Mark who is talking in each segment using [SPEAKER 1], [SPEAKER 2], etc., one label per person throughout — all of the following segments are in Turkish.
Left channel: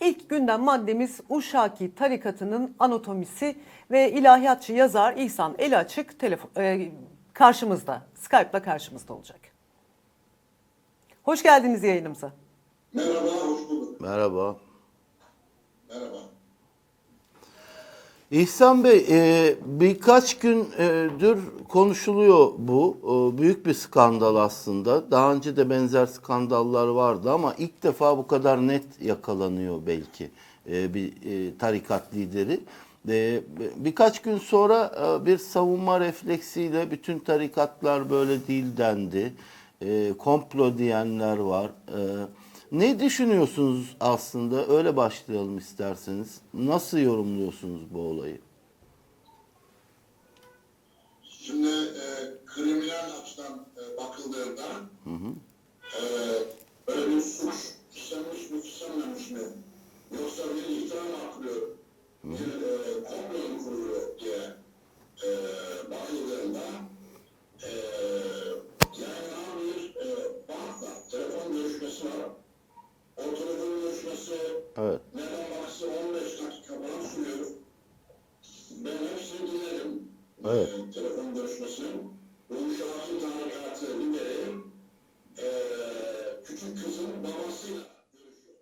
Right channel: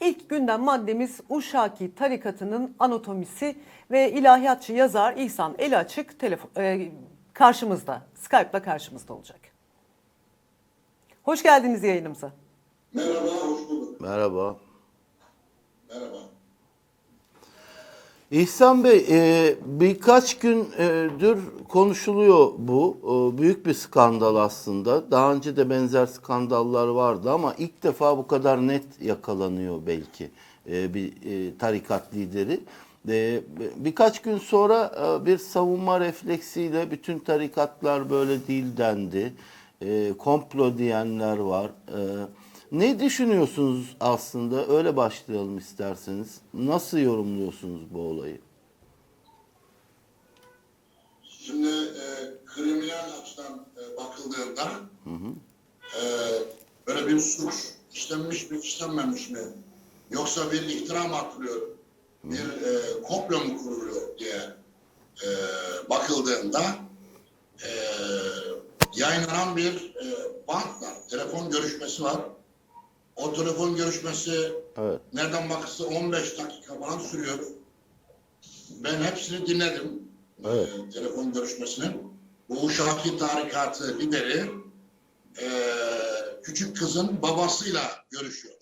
[SPEAKER 1] İlk gündem maddemiz Uşaki tarikatının anatomisi ve ilahiyatçı yazar İhsan Eli Açık telefon, e, karşımızda, Skype'la karşımızda olacak. Hoş geldiniz yayınımıza.
[SPEAKER 2] Merhaba, hoş bulduk.
[SPEAKER 3] Merhaba.
[SPEAKER 2] Merhaba.
[SPEAKER 3] İhsan Bey, e, birkaç gündür konuşuluyor bu. E, büyük bir skandal aslında. Daha önce de benzer skandallar vardı ama ilk defa bu kadar net yakalanıyor belki e, bir e, tarikat lideri. E, birkaç gün sonra e, bir savunma refleksiyle bütün tarikatlar böyle değil dendi. E, komplo diyenler var. E, ne düşünüyorsunuz aslında? Öyle başlayalım isterseniz. Nasıl yorumluyorsunuz bu olayı?
[SPEAKER 2] Şimdi e, kriminal açıdan e, bakıldığında e, böyle bir suç işlenmiş mi işlenmemiş mi yoksa bir iftira mı atılıyor bir e, komplo mu kuruluyor diye e, bakıldığında e, yayınlanan bir e, bantla telefon görüşmesi var. O telefon görüşmesi
[SPEAKER 3] Evet.
[SPEAKER 2] nereden bakırsa 15 dakika falan sürüyor. Ben hepsini dinledim.
[SPEAKER 3] Evet.
[SPEAKER 2] Ee, telefon görüşmesinin. Bu Uşaki Tarikatı lideri ee, küçük kızın babasıyla görüşüyor.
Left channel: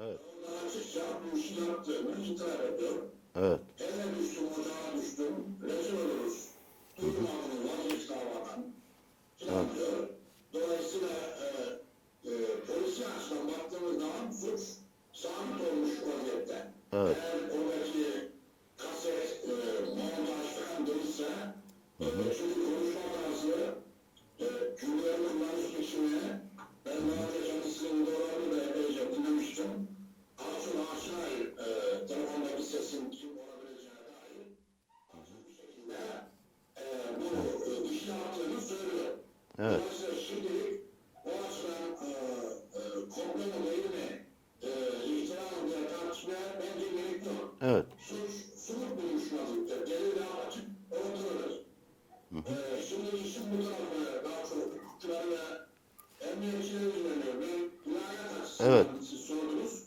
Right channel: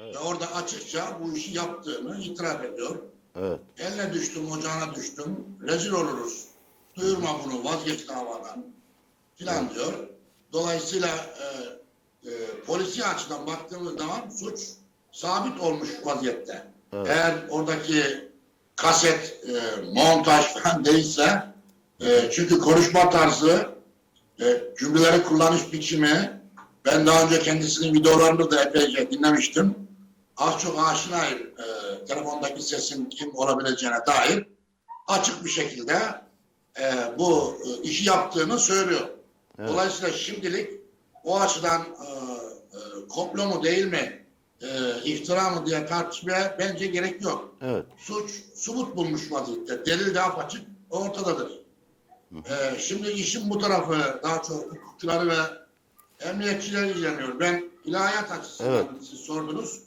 [SPEAKER 3] Evet.
[SPEAKER 2] Ve orada açıkça bu işi yaptığını itiraf ediyor.
[SPEAKER 3] Evet.
[SPEAKER 2] Eline düştüm, ocağına düştüm. Rezil oluruz. Duyurma bunu, vazgeç davadan. Filan diyor. Dolayısıyla e, e, polisi açıdan baktığımız zaman suç sabit olmuş vaziyette.
[SPEAKER 3] Evet.
[SPEAKER 2] Eğer oradaki kaset, e, montaj falan değilse e, çünkü konuşma tarzı e, cümleleri kullanış biçimi ben daha önce kendisinin videolarını da epeyce dinlemiştim. Az çok aşinayım e, telefondaki sesin kim olabileceğine dair açık bir şekilde e, bu e, işi yaptığını söylüyor.
[SPEAKER 3] Evet.
[SPEAKER 2] Dolayısıyla şimdilik o açıdan e, e, komplo mu değil mi, e, iftira mı diye tartışmaya bence gerek yok.
[SPEAKER 3] Evet.
[SPEAKER 2] Suç, subut bulmuş vaziyette. Delil daha açık ortadadır. E, şimdi işin bu tarafı daha çok hukukçuları ve emniyetçiler ilgileniyor. Ben ilahiyat açısından
[SPEAKER 3] Evet.
[SPEAKER 2] siz sordunuz.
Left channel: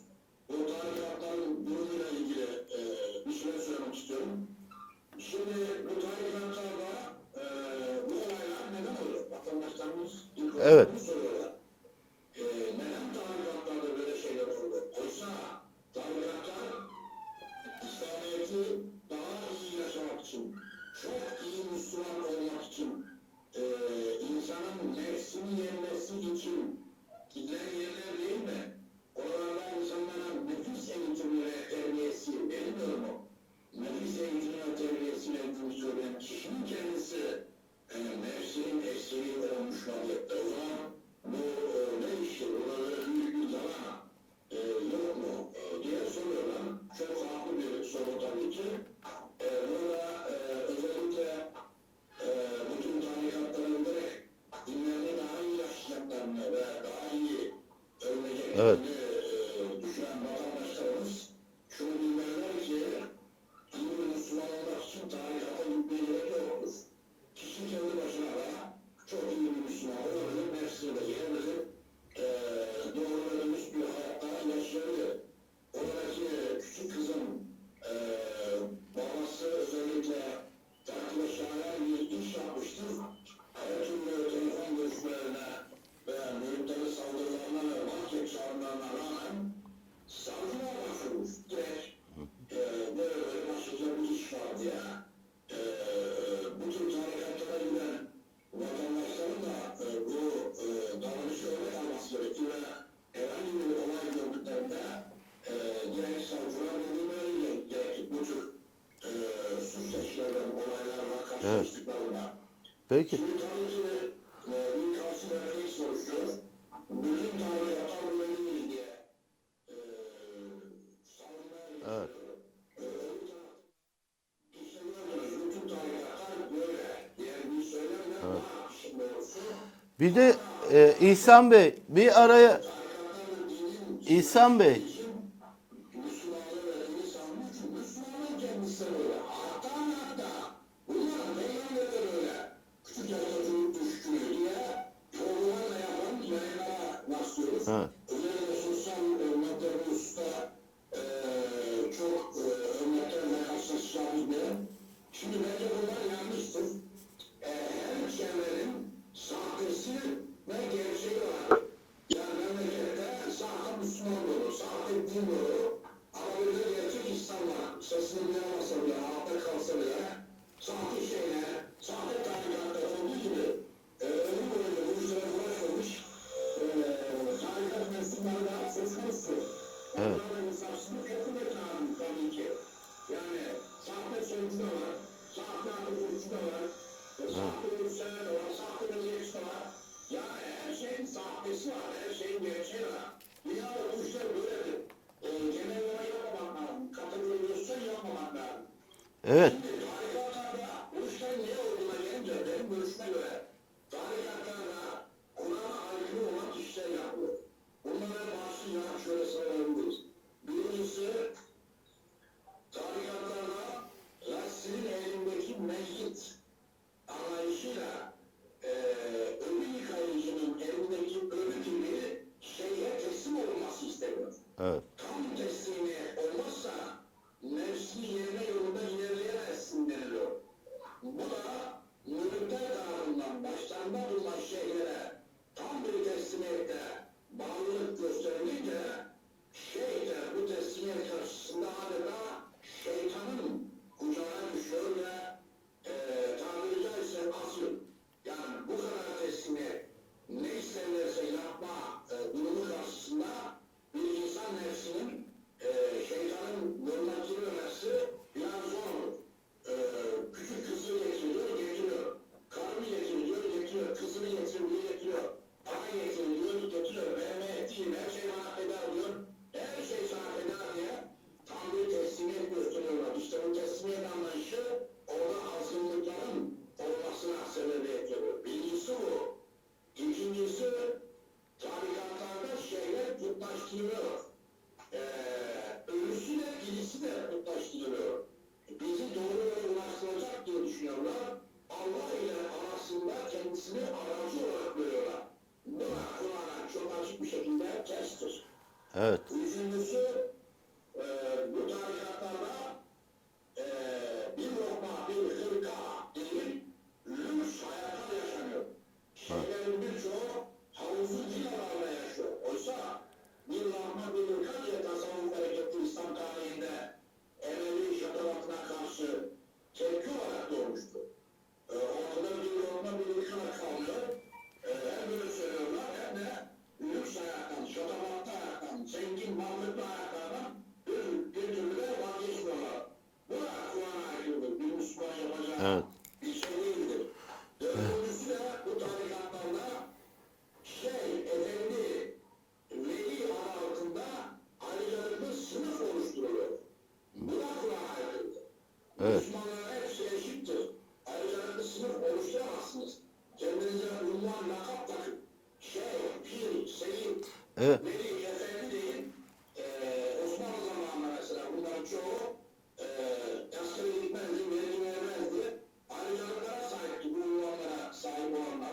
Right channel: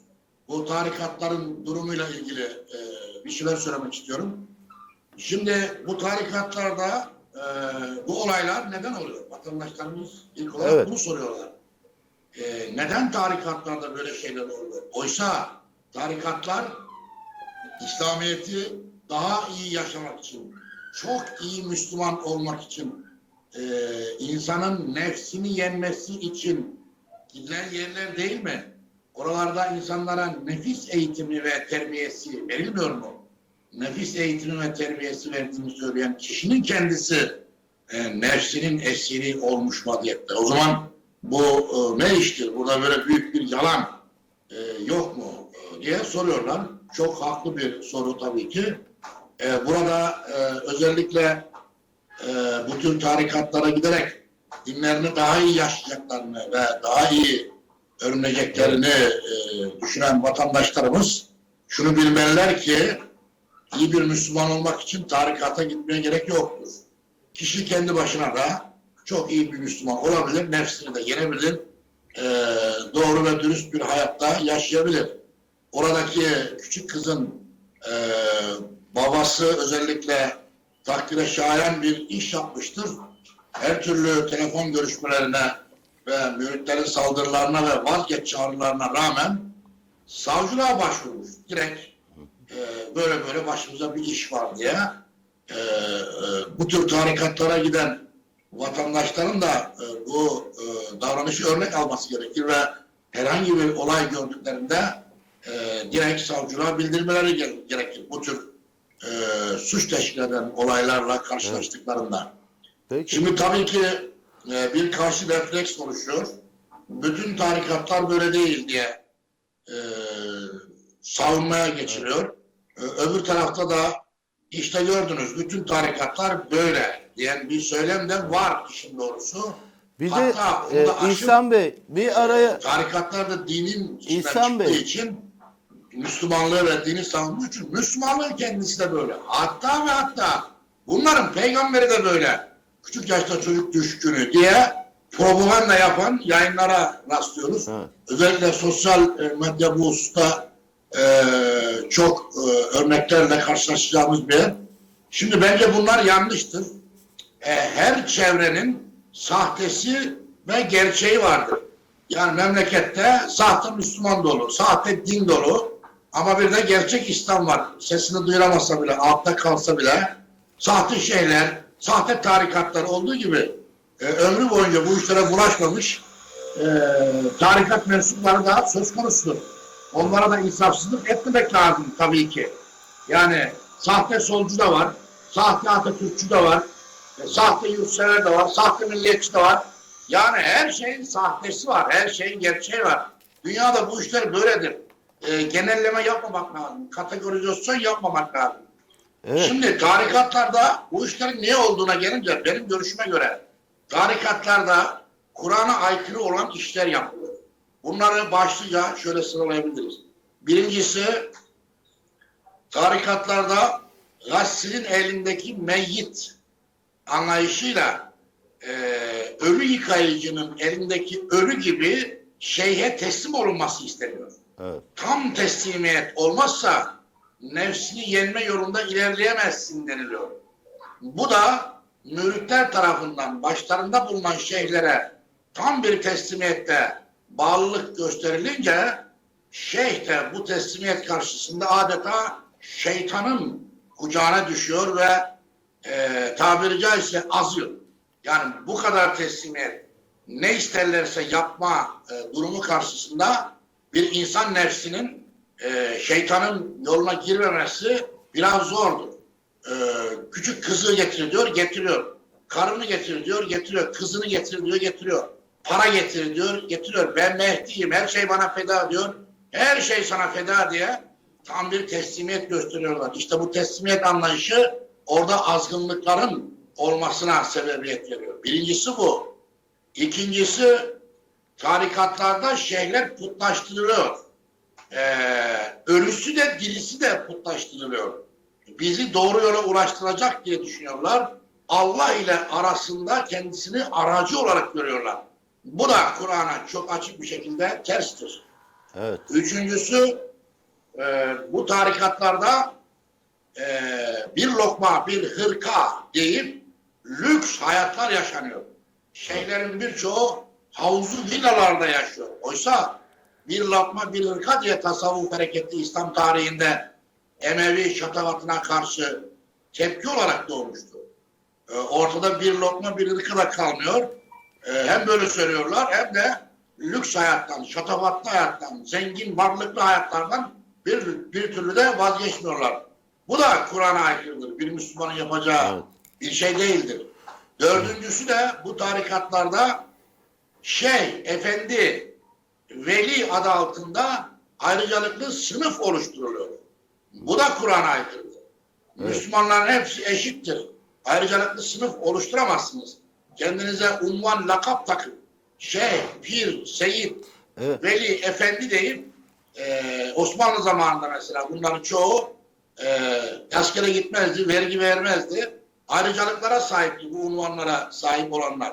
[SPEAKER 2] Bu tarikatların durumuyla ilgili e, bir şeyler söylemek istiyorum. Şimdi bu tarikatlarda e, bu olaylar neden oluyor? Vatandaşlarımız ilk olarak
[SPEAKER 3] Evet.
[SPEAKER 2] bunu soruyorlar. E, neden tarikatlarda böyle şeyler oluyor? Oysa tarikatlar İslamiyet'i daha iyi yaşamak için, çok iyi Müslüman olmak için, e, insanın nefsini yenmesi için gidilen yerler değil mi? Oralarda insanlara nefis eğitimi ve terbiyesi verilmiyor mu? Nefis eğitimi ve terbiyesi verdiğini söyleyen kişinin kendisi e, nefsinin esiri olmuş vaziyette. O zaman bu e, ne iştir? Burada böyle büyük bir yalan e, yok mu e, diye soruyorlar. Çok haklı bir soru tabii ki. E, burada e, özellikle e, bu tür tarikatlara giderek dinlerini daha iyi yaşayacaklarını ve daha iyi öğreneceklerini e, düşünen vatandaşlarımız şunu bilmeliler ki iyi bir Müslüman olmak için tarikata gitmeye gerek yoktur. Kişi kendi başına da çok iyi bir Müslüman olabilir, nefsini de yenebilir, e, doğru ve dürüst bir hayatta yaşayabilir. Oradaki küçük kızın e, babası özellikle takdire şayan bir iş yapmıştır. Her türlü telefon görüşmelerine ve müritlerin saldırılarına ve vazgeç çağrılarına rağmen savcılığa başvurmuş. Direkt e, böyle böyle başımıza bir iş var diye e, e, bu tür tarikatlara giden vatandaşların da e, bu e, davranışı örnek alması gerekir ve herhangi bir olay gördüklerinde e, direkt savcılığa bildirmeleri gere- gerekir. Bu tür e, suç teşkil eden olaylarla karşılaştıklarında.
[SPEAKER 3] Peki.
[SPEAKER 2] Şimdi tabii ki e, bir karşı refleks oluşuyor. Bütün tarikatlar böyle değil diye e, savunmaya geçiliyor. E, öbür tarafta da işte gördünüz bütün tarikatlar böyle diyen bir söylem de var işin doğrusu.
[SPEAKER 3] Bir de
[SPEAKER 2] Hatta
[SPEAKER 3] e,
[SPEAKER 2] aşırı-
[SPEAKER 3] İhsan Bey bir araya
[SPEAKER 2] tarikatlar da dinin
[SPEAKER 3] İhsan Bey.
[SPEAKER 2] için Müslümanlığı ve dini savunduğu için Müslümanlığın kendisi de böyle. Hatta ve hatta bunların peygamberi de böyle. Küçük yaşta çocuk düşkünü diye propaganda yapan yayınlara rastlıyoruz.
[SPEAKER 3] Evet.
[SPEAKER 2] Özellikle sosyal e, medya bu hususta çok e, örneklerle karşılaşacağımız bir yer. Şimdi bence bunlar yanlıştır. E, her çevrenin sahtesi ve gerçeği vardır. Yani memlekette sahte Müslüman dolu, sahte din dolu ama bir de gerçek İslam var. Sesini duyuramasa bile, altta kalsa bile sahte şeyler, sahte tarikatlar olduğu gibi e, ömrü boyunca bu işlere bulaşmamış tarikat mensupları da söz konusudur. Onlara da insafsızlık etmemek lazım tabii ki. Yani sahte solcu da var, sahte Atatürkçü de var, e, sahte yurtsever de var, sahte milliyetçi de var. Yani her şeyin sahtesi var, her şeyin gerçeği var. Dünyada bu işler böyledir. E, genelleme yapmamak lazım, kategorizasyon yapmamak lazım.
[SPEAKER 3] Evet.
[SPEAKER 2] Şimdi tarikatlarda bu işlerin ne olduğuna gelince benim görüşüme göre tarikatlarda Kur'an'a aykırı olan işler yapılıyor. Bunları başlıca şöyle sıralayabiliriz. Birincisi tarikatlarda gassilin elindeki meyyit anlayışıyla e, ölü yıkayıcının elindeki ölü gibi şeyhe teslim olunması isteniyor
[SPEAKER 3] Evet.
[SPEAKER 2] tam teslimiyet olmazsa nefsini yenme yolunda ilerleyemezsin deniliyor. Bu da müritler tarafından başlarında bulunan şeyhlere tam bir teslimiyette bağlılık gösterilince şeyh de bu teslimiyet karşısında adeta şeytanın kucağına düşüyor ve e, tabiri caizse azıyor. Yani bu kadar teslimiyet ne isterlerse yapma e, durumu karşısında bir insan nefsinin e, şeytanın yoluna girmemesi biraz zordur. E, küçük kızı getir diyor, getiriyor. Karını getir diyor, getiriyor. Kızını getir diyor, getiriyor. Para getir diyor, getiriyor. Ben Mehdi'yim, her şey bana feda diyor. Her şey sana feda diye tam bir teslimiyet gösteriyorlar. İşte bu teslimiyet anlayışı orada azgınlıkların olmasına sebebiyet veriyor. Birincisi bu. İkincisi tarikatlarda şeyler putlaştırılıyor. Ee, ölüsü de dirisi de putlaştırılıyor. Bizi doğru yola ulaştıracak diye düşünüyorlar. Allah ile arasında kendisini aracı olarak görüyorlar. Bu da Kur'an'a çok açık bir şekilde terstir.
[SPEAKER 3] Evet.
[SPEAKER 2] Üçüncüsü e, bu tarikatlarda e, bir lokma, bir hırka deyip lüks hayatlar yaşanıyor. Şeyhlerin birçoğu havuzlu villalarda yaşıyor. Oysa bir lokma, bir hırka diye tasavvuf hareketi İslam tarihinde Emevi şatafatına karşı tepki olarak doğmuştu. E, ortada bir lokma, bir hırka da kalmıyor. E, hem böyle söylüyorlar hem de lüks hayattan, şatafatlı hayattan, zengin, varlıklı hayatlardan bir, bir türlü de vazgeçmiyorlar. Bu da Kur'an'a aykırıdır. Bir Müslümanın yapacağı
[SPEAKER 3] Evet.
[SPEAKER 2] bir şey değildir. Dördüncüsü de bu tarikatlarda şey, efendi, veli adı altında ayrıcalıklı sınıf oluşturuluyor. Bu da Kur'an'a aykırıdır.
[SPEAKER 3] Evet.
[SPEAKER 2] Müslümanların hepsi eşittir. Ayrıcalıklı sınıf oluşturamazsınız. Kendinize unvan, lakap takın. Şeyh, pir, seyit,
[SPEAKER 3] Evet.
[SPEAKER 2] veli, efendi deyip e, Osmanlı zamanında mesela bunların çoğu e, askere gitmezdi, vergi vermezdi. Ayrıcalıklara sahipti bu unvanlara sahip olanlar.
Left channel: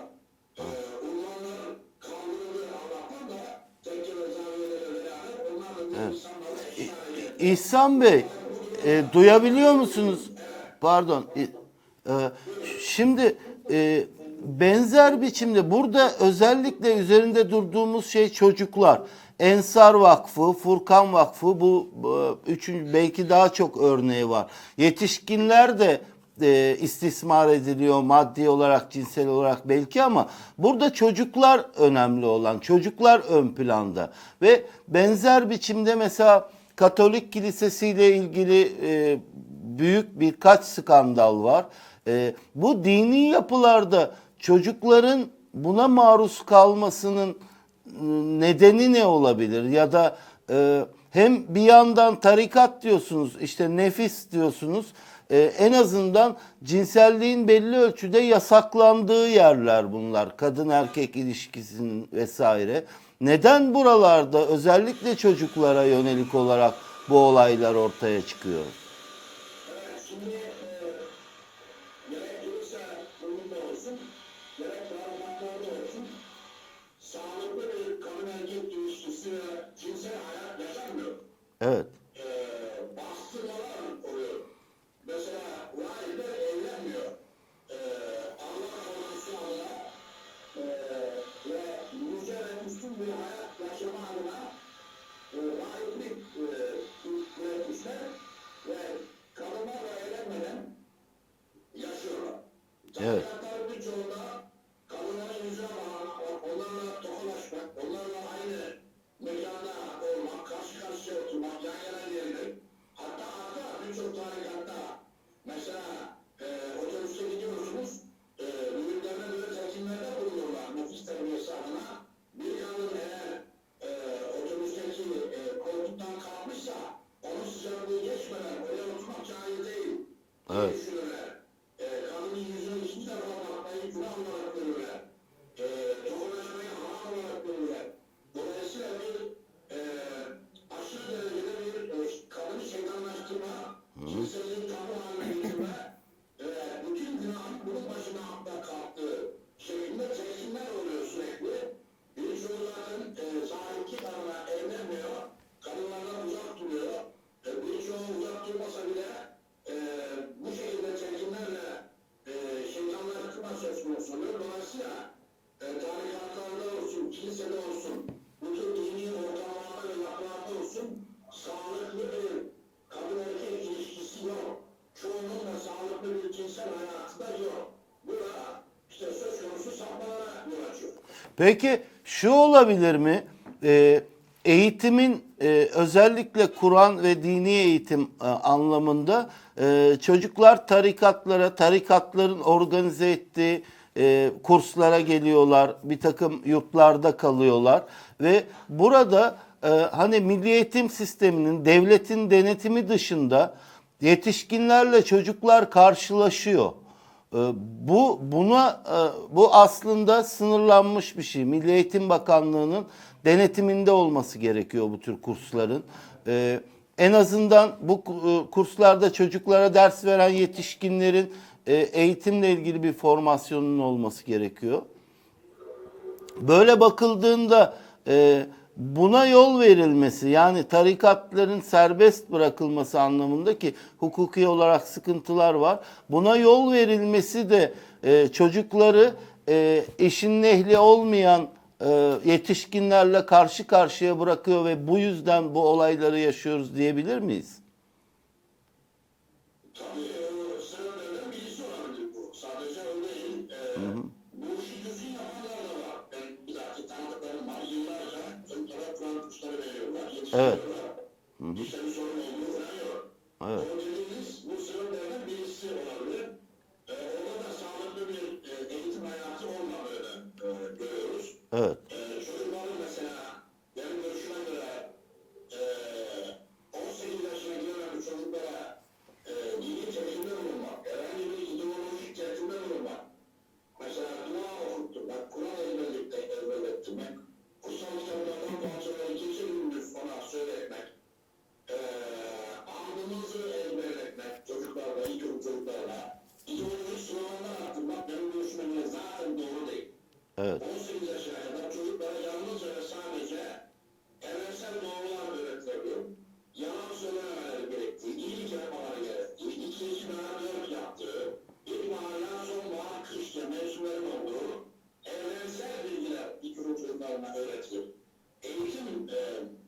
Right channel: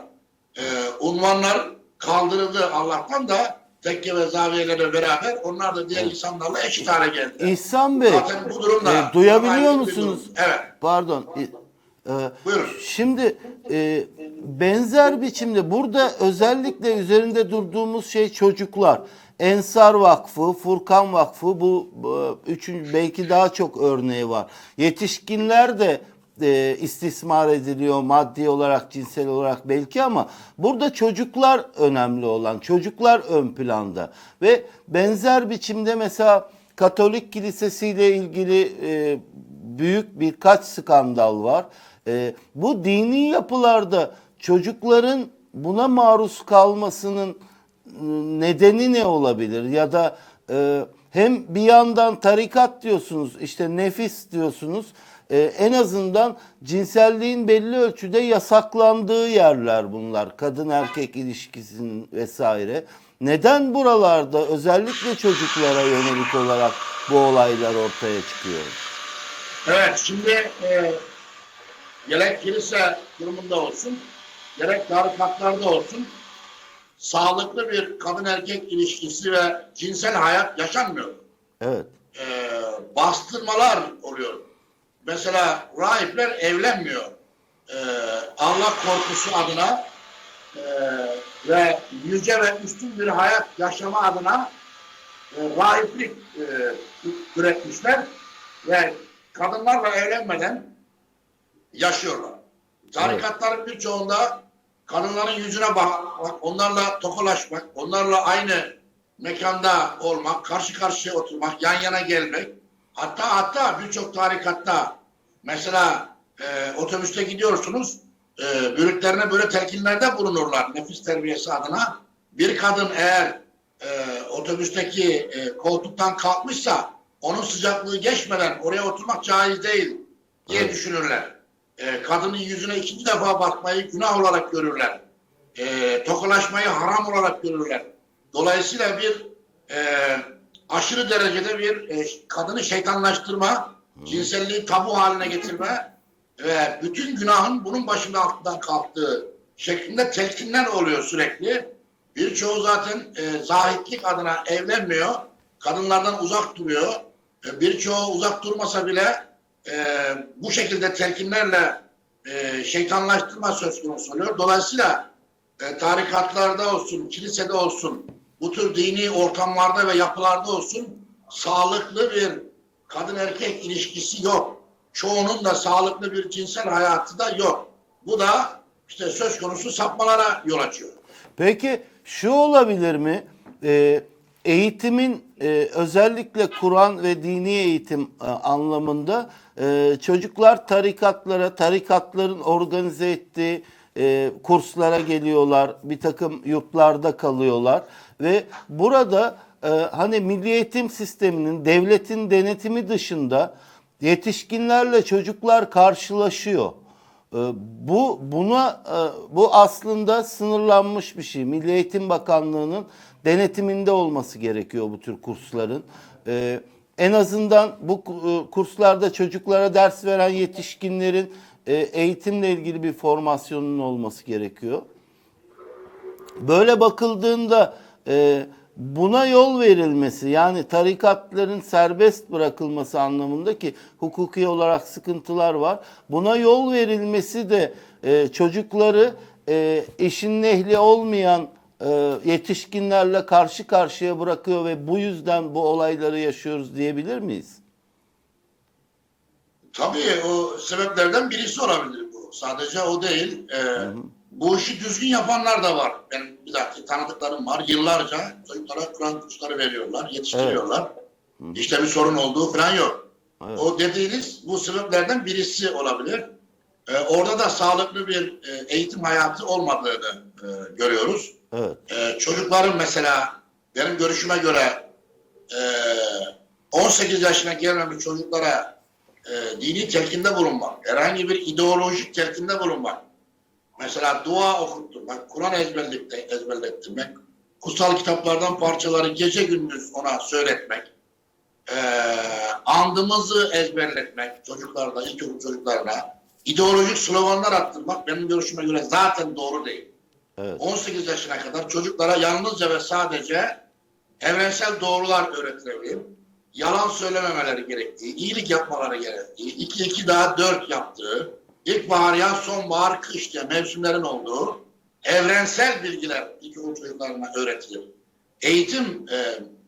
[SPEAKER 2] E, unvanlar kaldırıldı Allah'tan da tekke ve zaviyelerle beraber onlar da diğer
[SPEAKER 3] Evet.
[SPEAKER 2] insanlarla eşit hale geldi.
[SPEAKER 3] İhsan Bey,
[SPEAKER 2] durumda-
[SPEAKER 3] e, duyabiliyor musunuz?
[SPEAKER 2] Evet.
[SPEAKER 3] Pardon. e, e,
[SPEAKER 2] Buyurun.
[SPEAKER 3] Şimdi e, benzer biçimde burada özellikle üzerinde durduğumuz şey çocuklar. Ensar Vakfı, Furkan Vakfı bu, üçüncü belki daha çok örneği var. Yetişkinler de e, istismar ediliyor maddi olarak, cinsel olarak belki ama burada çocuklar önemli olan, çocuklar ön planda ve benzer biçimde mesela Katolik Kilisesi ile ilgili e, büyük birkaç skandal var. E, bu dini yapılarda çocukların buna maruz kalmasının e, nedeni ne olabilir? Ya da e, hem bir yandan tarikat diyorsunuz, işte nefis diyorsunuz. E, en azından cinselliğin belli ölçüde yasaklandığı yerler bunlar. Kadın erkek ilişkisinin vesaire. Neden buralarda özellikle çocuklara yönelik olarak bu olaylar ortaya çıkıyor?
[SPEAKER 2] Evet, şimdi e, gerek kilise durumunda olsun, gerek tarikatlarda olsun, sağlıklı bir kadın erkek ilişkisi ve cinsel hayat yaşanmıyor.
[SPEAKER 3] Evet.
[SPEAKER 2] E, bastırmalar oluyor. Mesela rahipler evlenmiyor. E, Allah korkusu adına e, ve yüce ve üstün bir hayat yaşama adına e, rahiplik e, üretmişler ve kadınlarla evlenmeden yaşıyorlar. Tarikatların birçoğunda kadınların yüzüne bakmak, onlarla tokalaşmak, onlarla aynı mekanda olmak, karşı karşıya oturmak, yan yana gelmek. Hatta hatta birçok tarikatta mesela e, otobüste gidiyorsunuz, e, bürüklerine böyle telkinlerde bulunurlar nefis terbiyesi adına. Bir kadın eğer e, otobüsteki e, koltuktan kalkmışsa onun sıcaklığı geçmeden oraya oturmak caiz değil diye
[SPEAKER 3] Evet.
[SPEAKER 2] düşünürler. E, kadının yüzüne ikinci defa bakmayı günah olarak görürler. E, tokalaşmayı haram olarak görürler. Dolayısıyla bir e, aşırı derecede bir e, kadını şeytanlaştırma, cinselliği tabu haline getirme ve bütün günahın bunun başında altından kalktığı şeklinde telkinler oluyor sürekli. Birçoğu zaten e, zahitlik adına evlenmiyor. Kadınlardan uzak duruyor. E, birçoğu uzak durmasa bile e, bu şekilde telkinlerle e, şeytanlaştırma söz konusu oluyor. Dolayısıyla e, tarikatlarda olsun, kilisede olsun, bu tür dini ortamlarda ve yapılarda olsun sağlıklı bir kadın erkek ilişkisi yok. Çoğunun da sağlıklı bir cinsel hayatı da yok. Bu da işte söz konusu sapmalara yol açıyor.
[SPEAKER 3] Peki şu olabilir mi? Ee, eğitimin e, özellikle Kur'an ve dini eğitim e, anlamında e, çocuklar tarikatlara, tarikatların organize ettiği e, kurslara geliyorlar, bir takım yurtlarda kalıyorlar ve burada e, hani milli eğitim sisteminin devletin denetimi dışında yetişkinlerle çocuklar karşılaşıyor. Ee, Bu buna e, bu aslında sınırlanmış bir şey. Milli Eğitim Bakanlığı'nın denetiminde olması gerekiyor bu tür kursların. Ee, En azından bu e, kurslarda çocuklara ders veren yetişkinlerin e, eğitimle ilgili bir formasyonun olması gerekiyor. Böyle bakıldığında e, buna yol verilmesi yani tarikatların serbest bırakılması anlamında ki hukuki olarak sıkıntılar var. Buna yol verilmesi de çocukları e, işin ehli olmayan yetişkinlerle karşı karşıya bırakıyor ve bu yüzden bu olayları yaşıyoruz diyebilir miyiz?
[SPEAKER 2] Tabii o sebeplerden birisi olabilir bu. Sadece o değil. Ee, bu işi düzgün yapanlar da var. Benim bir dakika tanıdıklarım var. Yıllarca çocuklara Kur'an kursları veriyorlar, yetiştiriyorlar. İşte bir sorun olduğu falan yok.
[SPEAKER 3] Evet.
[SPEAKER 2] O dediğiniz bu sebeplerden birisi olabilir. Ee, orada da sağlıklı bir e, eğitim hayatı olmadığını e, görüyoruz.
[SPEAKER 3] Evet.
[SPEAKER 2] Ee, çocukların mesela benim görüşüme göre e, 18 yaşına gelmemiş çocuklara e, dini telkinde bulunmak, herhangi bir ideolojik telkinde bulunmak, mesela dua okutturmak, Kur'an ezberlettirmek, kutsal kitaplardan parçaları gece gündüz ona söyletmek, e, andımızı ezberletmek çocuklarda, ilkokul çocuklarına, ideolojik sloganlar attırmak benim görüşüme göre zaten doğru değil.
[SPEAKER 3] Evet.
[SPEAKER 2] 18 yaşına kadar çocuklara yalnızca ve sadece evrensel doğrular öğretilebilir. Yalan söylememeleri gerektiği, iyilik yapmaları gerektiği, 2 2 daha 4 yaptığı, ilkbahar, yaz, sonbahar, kış diye mevsimlerin olduğu evrensel bilgiler ilkokul çocuklarına öğretilir. Eğitim, e,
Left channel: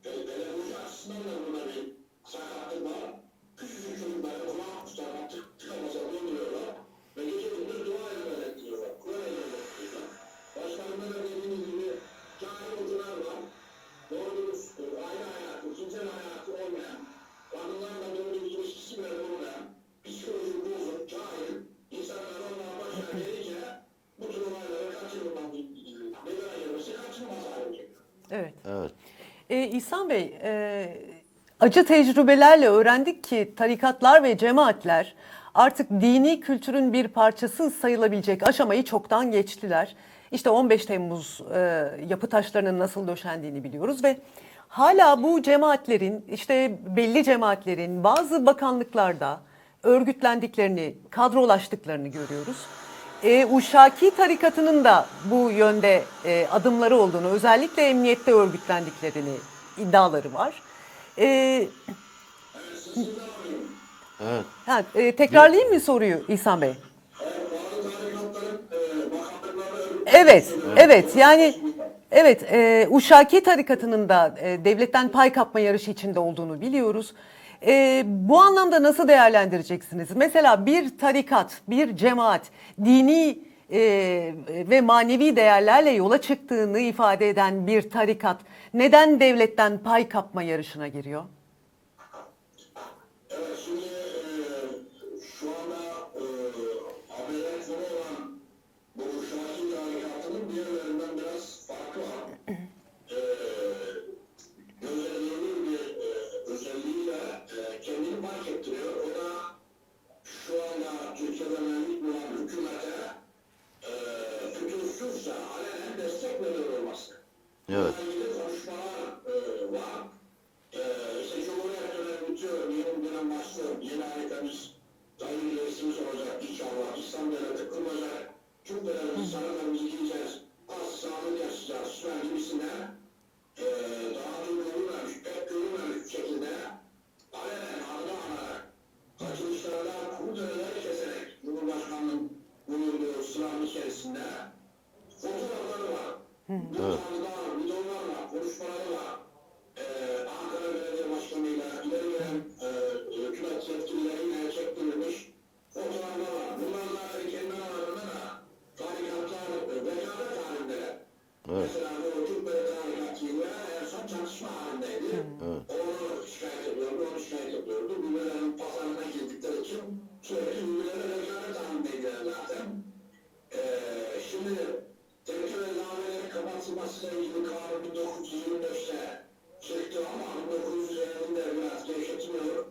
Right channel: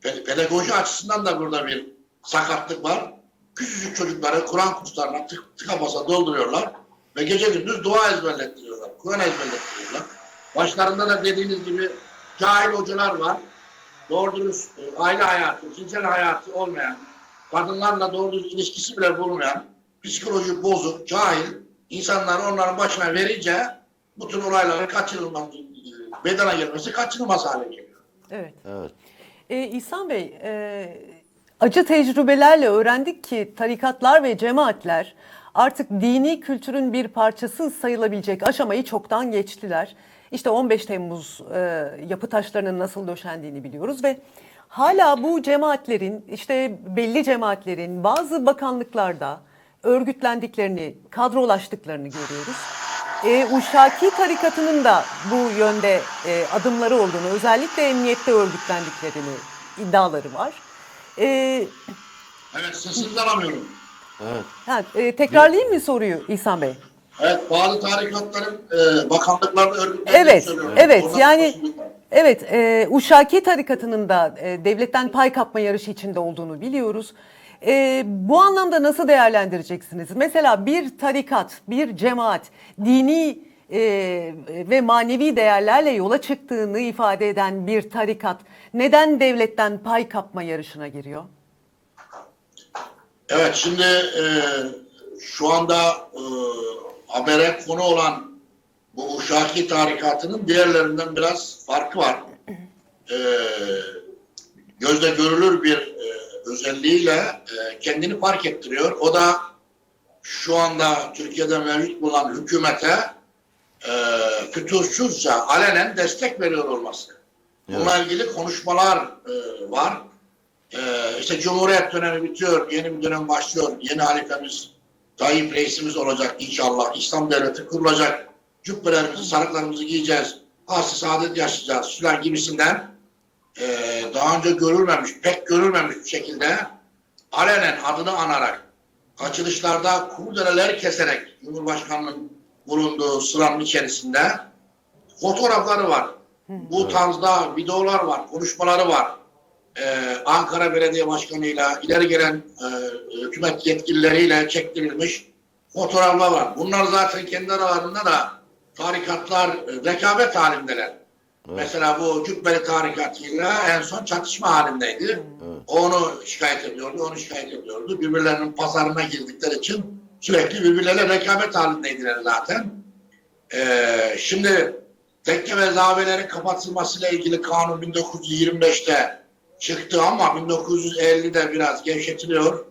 [SPEAKER 2] pe- pedagoji açısından da burada bir sakatlık var. Küçücük çocukları Kur'an kurslarına tık, tıka basa dolduruyorlar ve gece gündüz dua ezberlettiriyorlar, Kur'an ezberlettiriyorlar. Başlarında da dediğiniz gibi cahil hocalar var. Doğru dürüst e, aile hayatı, cinsel hayatı olmayan, kadınlarla doğru dürüst ilişkisi bile bulmayan, psikoloji bozuk, cahil insanlar onların başına verince bu tür olayları kaçınılmaz, meydana gelmesi kaçınılmaz hale geliyor.
[SPEAKER 1] Evet.
[SPEAKER 3] Evet.
[SPEAKER 1] Ee, İhsan Bey, e, acı tecrübelerle öğrendik ki tarikatlar ve cemaatler artık dini kültürün bir parçası sayılabilecek aşamayı çoktan geçtiler. İşte 15 Temmuz e, yapı taşlarının nasıl döşendiğini biliyoruz ve hala bu cemaatlerin, işte belli cemaatlerin bazı bakanlıklarda örgütlendiklerini, kadrolaştıklarını görüyoruz. E, Uşaki tarikatının da bu yönde e, adımları olduğunu, özellikle emniyette örgütlendiklerini iddiaları var. E,
[SPEAKER 2] Evet sesinizi alamıyorum.
[SPEAKER 3] Evet.
[SPEAKER 1] Ha, e, tekrarlayayım mı soruyu İhsan Bey?
[SPEAKER 2] Evet, bazı tarikatların e, bakanlıklarda örgütlerini
[SPEAKER 1] Evet, evet.
[SPEAKER 2] Ondan
[SPEAKER 1] Yani evet, e, Uşaki tarikatının da e, devletten pay kapma yarışı içinde olduğunu biliyoruz. E, bu anlamda nasıl değerlendireceksiniz? Mesela bir tarikat, bir cemaat dini e, ve manevi değerlerle yola çıktığını ifade eden bir tarikat neden devletten pay kapma yarışına giriyor?
[SPEAKER 2] Evet, şimdi e, şu anda e, habere konu olan bu Uşaki tarikatının diğerlerinden biraz farkı var. E, gözle görülür bir e, özelliğiyle e, kendini fark ettiriyor. O da şu anda Türkiye'de mevcut bulunan hükümete e, fütursuzca alenen destek veriyor olması. Bununla ilgili konuşmalar e, var. Ee, işte Cumhuriyet dönemi bitiyor, yeni bir dönem başlıyor. Yeni halifemiz, Tayyip reisimiz olacak inşallah. İslam devleti kurulacak. Cübbelerimizi, sarıklarımızı giyeceğiz. Aslı saadet yaşayacağız filan gibisinden ee, daha önce görülmemiş, pek görülmemiş bir şekilde alenen adını anarak açılışlarda kurdeleler keserek Cumhurbaşkanı'nın bulunduğu sıranın içerisinde fotoğrafları var. Bu tarzda videolar var, konuşmaları var. Ee, Ankara Belediye Başkanı'yla ileri gelen e, hükümet yetkilileriyle çektirilmiş fotoğraflar var. Bunlar zaten kendi aralarında da tarikatlar e, rekabet halindeler. Mesela bu Cübbeli tarikatıyla en son çatışma halindeydi. O Onu şikayet ediyordu, onu şikayet ediyordu. Birbirlerinin pazarına girdikleri için sürekli birbirleriyle rekabet halindeydiler zaten. Ee, şimdi tekke ve zavelerin kapatılmasıyla ilgili kanun 1925'te çıktı ama 1950'de biraz gevşetiliyor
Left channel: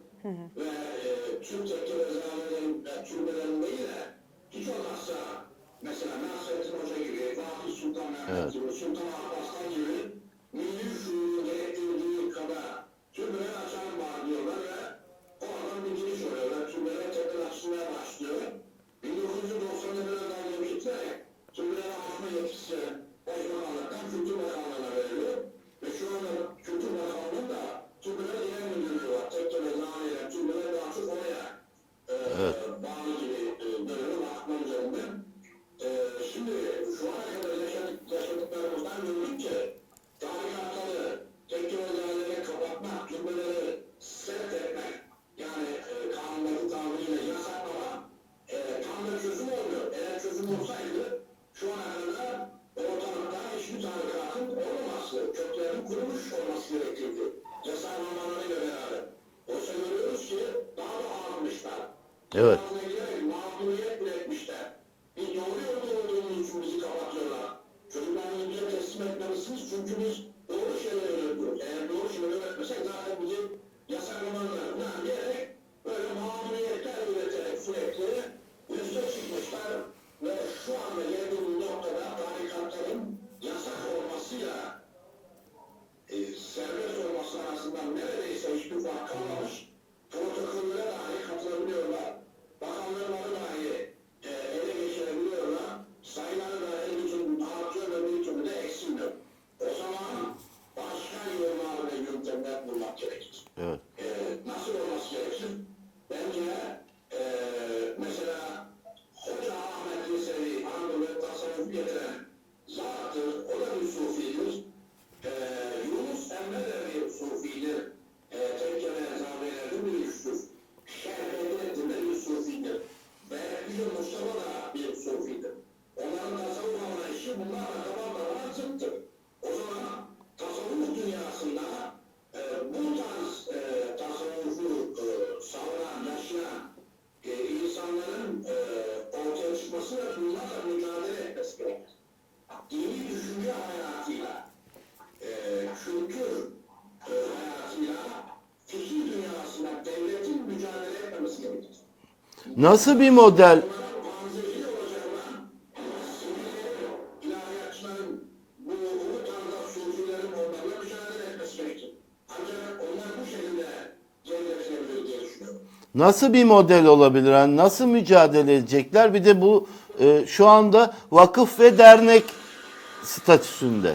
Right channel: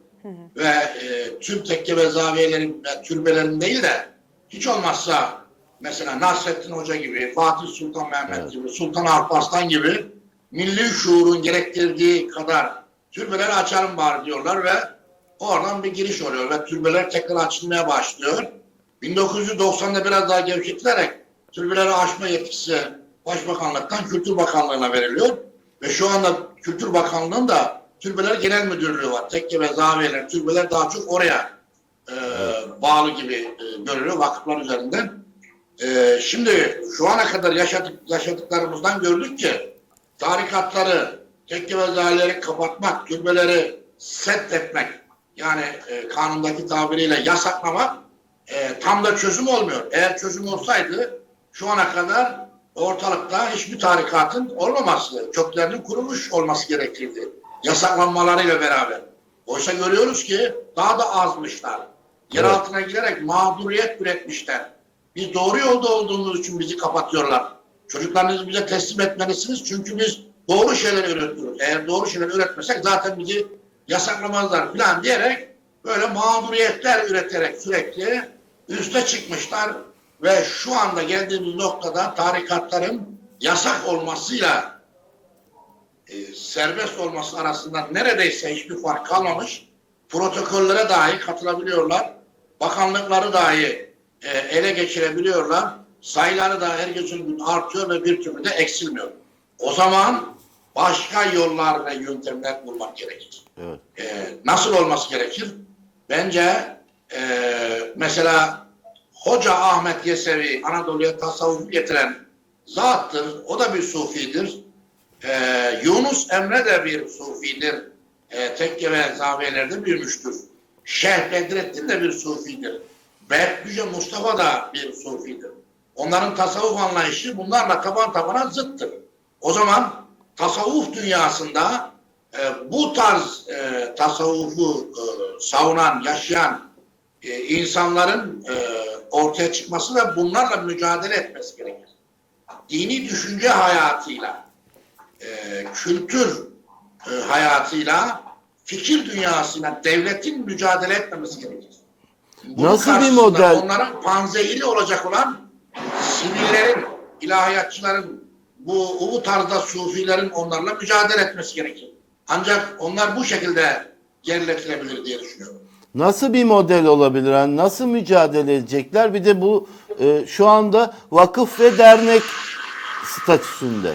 [SPEAKER 2] ve e, tüm tekke ve zaviyelerin ve türbelerin değil de hiç olmazsa mesela Nasrettin Hoca gibi, Fatih Sultan Mehmet
[SPEAKER 3] Evet.
[SPEAKER 2] gibi, Sultan Alparslan gibi milli şuurun gerektirdiği kadar türbeleri açalım bari diyorlar ve oradan bir giriş oluyor ve türbeler tekrar açılmaya başlıyor. 1990'da biraz daha gevşetilerek türbeleri açma yetkisi Başbakanlıktan Kültür Bakanlığı'na veriliyor. Ve şu anda Kültür Bakanlığı'nın da Türbeler Genel Müdürlüğü var. Tekke ve zaviyeler, türbeler daha çok oraya e, bağlı gibi e, görülüyor vakıflar üzerinden. E, şimdi şu ana kadar yaşadık, yaşadıklarımızdan gördük ki tarikatları, tekke ve zaviyeleri kapatmak, türbeleri set etmek yani e, kanundaki tabiriyle yasaklamak e, tam da çözüm olmuyor. Eğer çözüm olsaydı şu ana kadar ortalıkta hiçbir tarikatın olmaması, köklerinin kurulmuş olması gerekirdi. Yasaklanmalarıyla beraber. Oysa görüyoruz ki daha da azmışlar. Yer
[SPEAKER 3] Evet.
[SPEAKER 2] altına girerek mağduriyet üretmişler. Biz doğru yolda olduğumuz için bizi kapatıyorlar. Çocuklarınızı bize teslim etmelisiniz çünkü biz doğru şeyler üretiyoruz. Eğer doğru şeyler üretmesek zaten bizi yasaklamazlar falan diyerek böyle mağduriyetler üreterek sürekli üste çıkmışlar ve şu anda geldiğimiz noktada tarikatların yasak olmasıyla e, serbest olması arasında neredeyse hiçbir fark kalmamış. Protokollere dahi katılabiliyorlar. Bakanlıkları dahi e, ele geçirebiliyorlar. Sayıları da her gün artıyor ve bir türlü de eksilmiyor. O zaman başka yollar ve yöntemler bulmak gerekir.
[SPEAKER 3] Evet.
[SPEAKER 2] Ee, nasıl olması gerekir? Bence e, mesela Hoca Ahmet Yesevi Anadolu'ya tasavvuf getiren zattır. O da bir sufidir. Ee, Yunus Emre de bir sufidir. Ee, tekke ve zaviyelerde büyümüştür. Şeyh Bedrettin de bir sufidir. Berküce Mustafa da bir sufidir. Onların tasavvuf anlayışı bunlarla taban tabana zıttır. O zaman tasavvuf dünyasında e, bu tarz e, tasavvufu e, savunan, yaşayan e, insanların e, ortaya çıkması ve bunlarla mücadele etmesi gerekir. Dini düşünce hayatıyla, e, kültür e, hayatıyla, fikir dünyasıyla devletin mücadele etmemesi gerekir. Bunun
[SPEAKER 3] Nasıl bir model?
[SPEAKER 2] Onların panzehiri olacak olan sivillerin, ilahiyatçıların, bu, bu tarzda sufilerin onlarla mücadele etmesi gerekir. Ancak onlar bu şekilde geriletilebilir diye düşünüyorum.
[SPEAKER 3] Nasıl bir model olabilir? Yani nasıl mücadele edecekler? Bir de bu e, şu anda vakıf ve dernek statüsünde.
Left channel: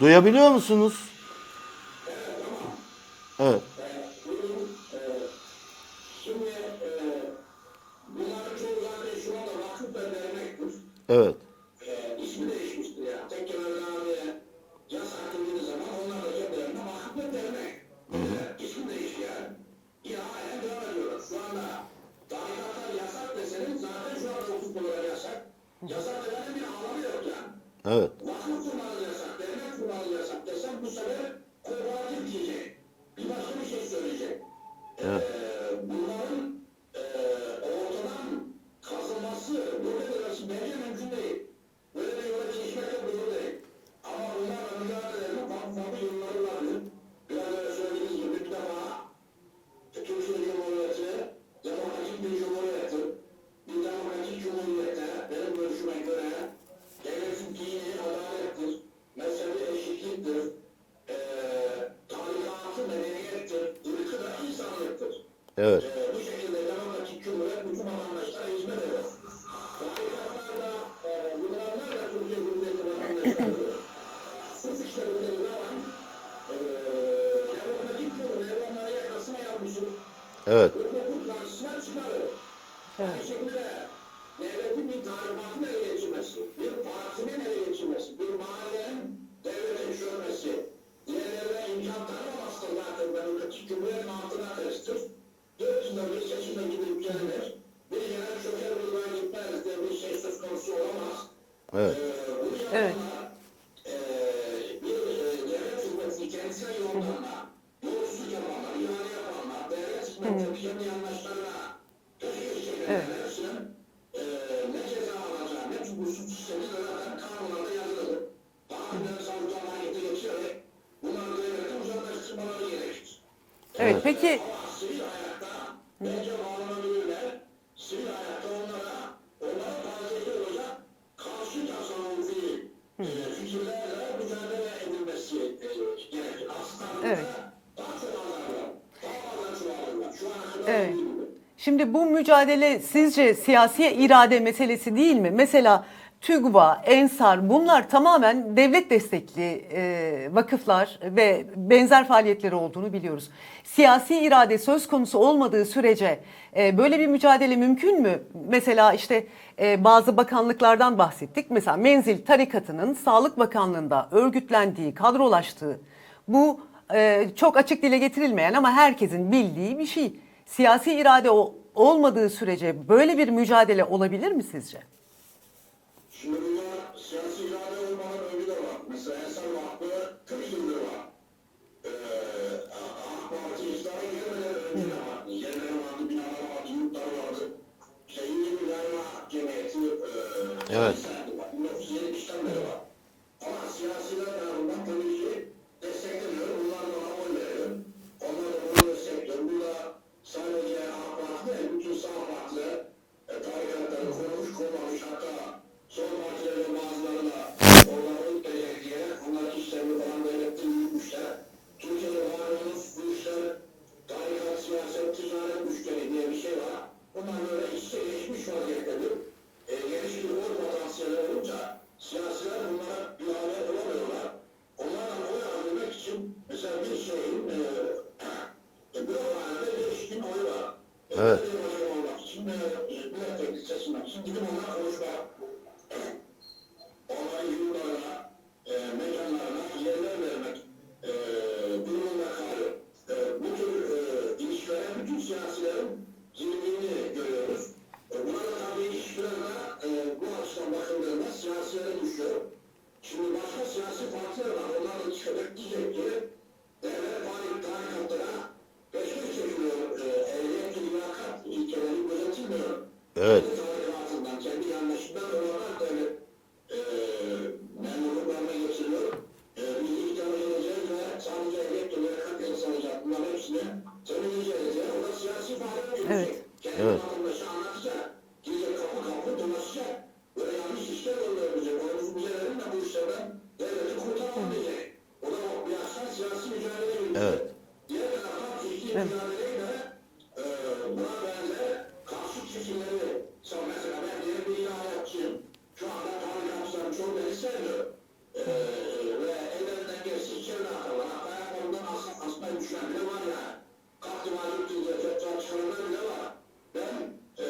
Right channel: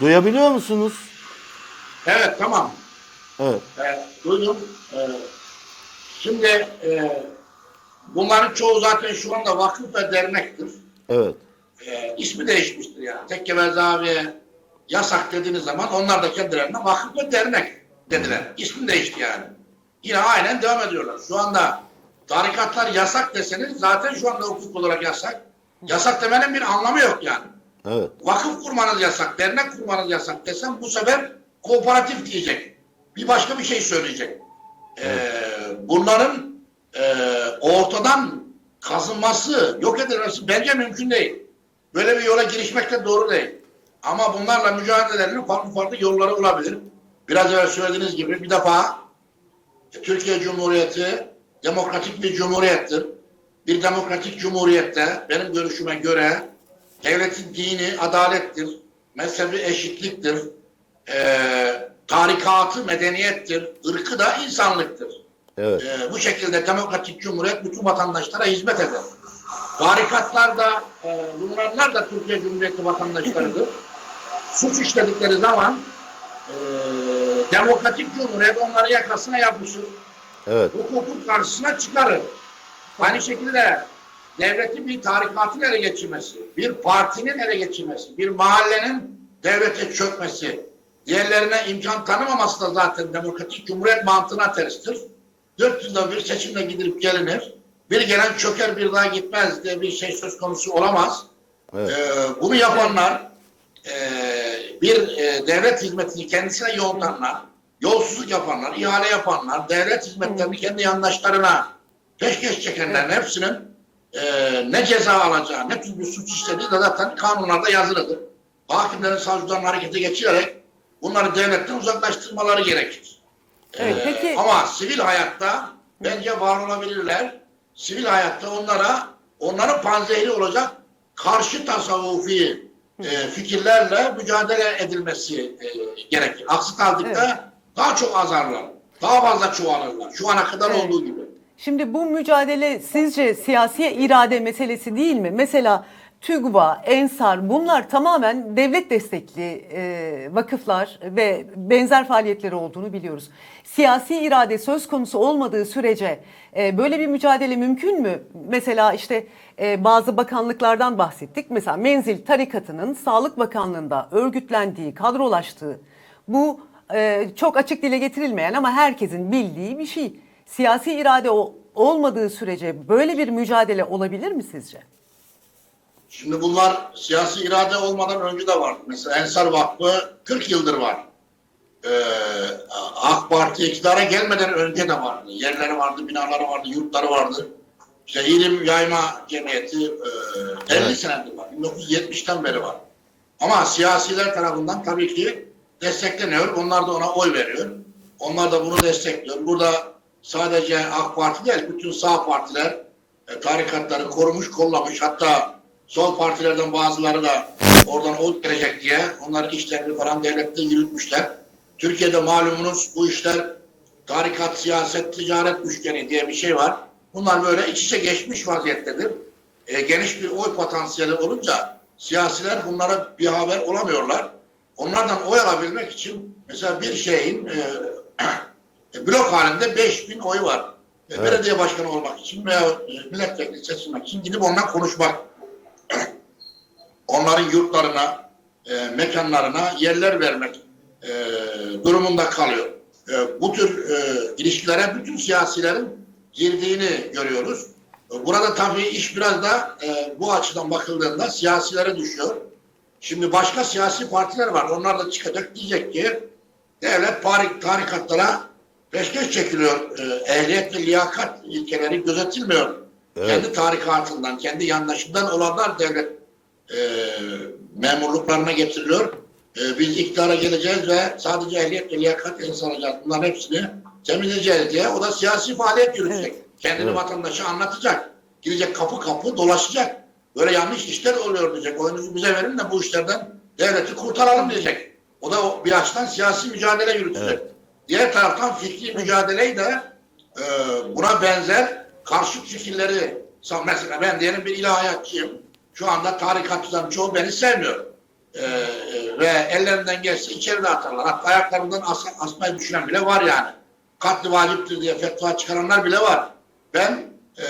[SPEAKER 3] Duyabiliyor musunuz?
[SPEAKER 2] Evet tamam.
[SPEAKER 3] Evet.
[SPEAKER 2] Evet, duydum. Ee, şimdi e, bunların çoğu zaten şu anda vakıf ve dernektir.
[SPEAKER 3] Evet.
[SPEAKER 2] Ee, ismi değişmiştir yani. Tekke ve zaviye yasak dediğiniz zaman onlar da kendilerine vakıf ve dernek dediler. İsmi değişti yani. Yine aynen devam ediyorlar. Şu anda tarikatlar yasak deseniz zaten şu anda hukuk olarak yasak. Yasak demenin bir anlamı yok yani.
[SPEAKER 3] Evet.
[SPEAKER 2] Vakıf kurmanız yasak, dernek kurmanız yasak desem bu sefer kooperatif diyecek. Bir başka bir şey söyleyecek. Ee, bunların e, ortadan kazınması, yok edilmesi bence mümkün değil. Böyle bir yola girişmek de doğru değil. Ama bunlarla mücadelenin farklı farklı yolları olabilir. Biraz evvel söylediğiniz gibi bir defa Türkiye Cumhuriyeti demokratik bir cumhuriyettir. Bir demokratik cumhuriyette benim görüşüme göre devletin dini adalettir, mezhebi eşitliktir, eee tarikatı medeniyettir, ırkı da insanlıktır.
[SPEAKER 3] Evet.
[SPEAKER 2] Eee, bu şekilde demokratik cumhuriyet bütün vatandaşlara hizmet eder. Tarikatlar da, eee bunlar da Türkiye Cumhuriyeti vatandaşlarıdır. Suç işledikleri zaman eee demokratik cumhuriyet onları yakasına yapmışır
[SPEAKER 3] Evet.
[SPEAKER 2] hukukun karşısına çıkarır. Aynı şekilde devletin bir tarikatın ele geçirmesi, bir partinin ele geçirmesi, bir mahallenin devlete çökmesi, diğerlerine imkan tanımaması da zaten demokratik cumhuriyet mantığına terstir. 400 yılda bir seçimle gidilip gelinir. Bir gelen çöker bir daha gitmez diye bir şey söz konusu olamaz.
[SPEAKER 3] Evet.
[SPEAKER 2] Ee, bunu yapanlar e, bir e, devlet hizmetini kendisine yoğunlanlar, yolsuzluk yapanlar, ihale yapanlar, devlet hizmetlerini kendi yandaşlarına peşkeş çekenlerin hepsinin e, ne ceza alacağı, ne tür bir suç işlediği de zaten kanunlarda yazılıdır. Hakimlerin, savcıların harekete geçirerek bunları devletten uzaklaştırmaları gerekir.
[SPEAKER 1] Evet,
[SPEAKER 2] Ee,
[SPEAKER 1] peki-
[SPEAKER 2] Ama sivil hayatta bence var olabilirler. Sivil hayatta onlara onların panzehri olacak karşı tasavvufi e, fikirlerle mücadele edilmesi e, gerekir. Aksi takdirde
[SPEAKER 1] Evet.
[SPEAKER 2] daha çok azarlar. Daha fazla çoğalırlar. Şu ana kadar
[SPEAKER 1] Evet.
[SPEAKER 2] olduğu gibi.
[SPEAKER 1] Şimdi bu mücadele sizce siyasi irade meselesi değil mi? Mesela TÜGVA, Ensar bunlar tamamen devlet destekli e, vakıflar ve benzer faaliyetleri olduğunu biliyoruz. Siyasi irade söz konusu olmadığı sürece e, böyle bir mücadele mümkün mü? Mesela işte e, bazı bakanlıklardan bahsettik. Mesela Menzil Tarikatı'nın Sağlık Bakanlığı'nda örgütlendiği, kadrolaştığı bu e, çok açık dile getirilmeyen ama herkesin bildiği bir şey. Siyasi irade o- olmadığı sürece böyle bir mücadele olabilir mi sizce?
[SPEAKER 2] Şimdi bunlar siyasi irade olmadan önce de var. Mesela Ensar Vakfı 40 yıldır var. Ee, AK Parti iktidara gelmeden önce de vardı. Yerleri vardı, binaları vardı, yurtları vardı. İşte İlim Yayma Cemiyeti e, 50
[SPEAKER 3] Evet.
[SPEAKER 2] senedir var. 1970'ten beri var. Ama siyasiler tarafından tabii ki destekleniyor. Onlar da ona oy veriyor. Onlar da bunu destekliyor. Burada sadece AK Parti değil, bütün sağ partiler e, tarikatları korumuş, kollamış. Hatta sol partilerden bazıları da oradan oy verecek diye onların işlerini falan devlette yürütmüşler. Türkiye'de malumunuz bu işler tarikat, siyaset, ticaret üçgeni diye bir şey var. Bunlar böyle iç içe geçmiş vaziyettedir. E, geniş bir oy potansiyeli olunca siyasiler bunlara bir haber olamıyorlar. Onlardan oy alabilmek için mesela bir şeyin e, e, blok halinde 5000 oy var. E,
[SPEAKER 3] Evet.
[SPEAKER 2] Belediye başkanı olmak için veya e, milletvekili seçilmek için gidip onunla konuşmak. Onların yurtlarına, e, mekanlarına yerler vermek e, durumunda kalıyor. E, bu tür e, ilişkilere bütün siyasilerin girdiğini görüyoruz. E, Burada tabii iş biraz da e, bu açıdan bakıldığında siyasilere düşüyor. Şimdi başka siyasi partiler var. Onlar da çıkacak diyecek ki devlet tarik, tarikatlara peşkeş çekiliyor. E, ehliyet ve liyakat ilkeleri gözetilmiyor.
[SPEAKER 3] Evet.
[SPEAKER 2] Kendi tarikatından, kendi yandaşından olanlar devlet e, memurluklarına getiriliyor. E, biz iktidara geleceğiz ve sadece ehliyet ve liyakat insan alacağız. Bunların hepsini temizleyeceğiz diye. O da siyasi faaliyet yürütecek.
[SPEAKER 1] Evet.
[SPEAKER 2] Kendini
[SPEAKER 3] Evet.
[SPEAKER 2] vatandaşa anlatacak. Gidecek kapı kapı dolaşacak. Böyle yanlış işler oluyor diyecek. Oyunuzu bize verin de bu işlerden devleti kurtaralım diyecek. O da bir açıdan siyasi mücadele yürütecek.
[SPEAKER 3] Evet.
[SPEAKER 2] Diğer taraftan fikri mücadeleyi de e, buna benzer karşı fikirleri mesela ben diyelim bir ilahiyatçıyım. Şu anda tarikatçıların çoğu beni sevmiyor. e, ve ellerinden gelse içeride atarlar. Hatta ayaklarından as, asmayı düşünen bile var yani. Katli vaciptir diye fetva çıkaranlar bile var. Ben e,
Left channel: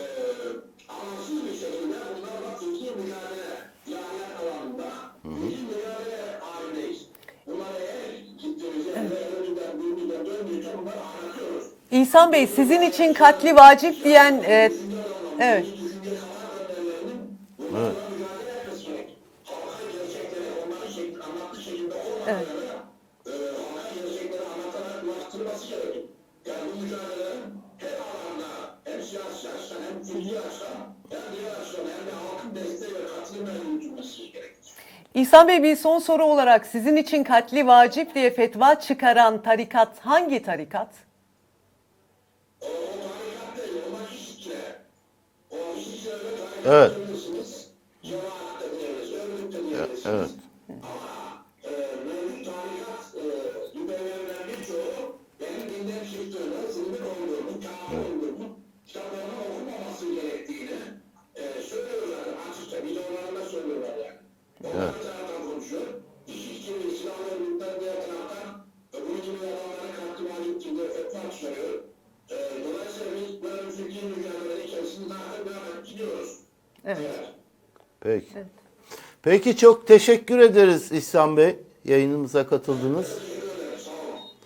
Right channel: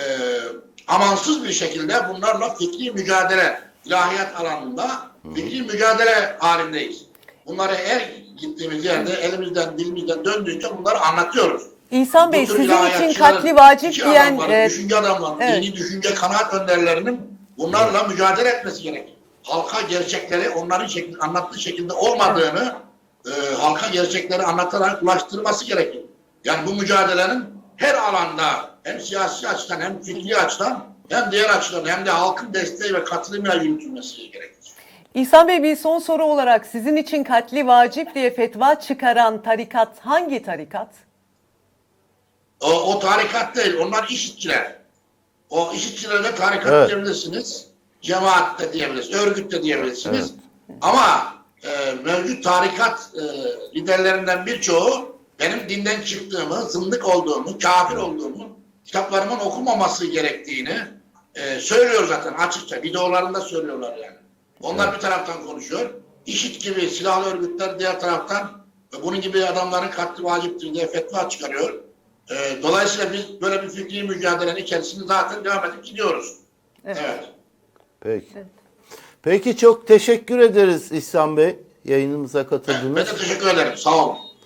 [SPEAKER 2] amansız bir şekilde bunlarla fikri mücadele, ilahiyat alanında fikri mücadele halindeyiz. Bunları her gittiğimiz yerde elimizden dilimizden döndüğünce bunları anlatıyoruz.
[SPEAKER 1] İhsan Bey sizin için katli vacip diyen
[SPEAKER 2] adamların,
[SPEAKER 1] e,
[SPEAKER 2] düşünce adamlarının,
[SPEAKER 1] evet.
[SPEAKER 2] yeni düşünce kanaat önderlerinin bunlarla mücadele etmesi gerekir. Halka gerçekleri onların şekli, anlattığı şekilde olmadığını e, halka gerçekleri anlatarak ulaştırması gerekir. Yani bu mücadelenin her alanda hem siyasi açıdan hem fikri açıdan hem diğer açıdan hem de halkın desteği ve katılımıyla yürütülmesi gerekir.
[SPEAKER 1] İhsan Bey bir son soru olarak sizin için katli vacip diye fetva çıkaran tarikat hangi tarikat?
[SPEAKER 2] O, o tarikat değil, onlar işitçiler. O işitçilere tarikat
[SPEAKER 3] Evet.
[SPEAKER 2] diyebilirsiniz, cemaat de diyebilirsiniz, örgüt de diyebilirsiniz. Ama e, mevcut tarikat e, liderlerinden birçoğu benim dinden çıktığımı, zındık olduğumu, kafir olduğumu, kitaplarımın okunmaması gerektiğini e, söylüyor zaten açıkça. Videolarında söylüyorlar yani. Onlar bir taraftan konuşuyor. İşit gibi silahlı örgütler diğer taraftan bunun gibi adamların katli vaciptir diye fetva çıkarıyor. E, dolayısıyla biz böyle bir fikri mücadelenin içerisinde zaten devam edip gidiyoruz.
[SPEAKER 1] Evet.
[SPEAKER 2] evet.
[SPEAKER 3] Peki. Peki çok teşekkür ederiz İhsan Bey yayınımıza
[SPEAKER 2] Ben
[SPEAKER 3] katıldınız.
[SPEAKER 2] de teşekkür ederim. Sağ olun.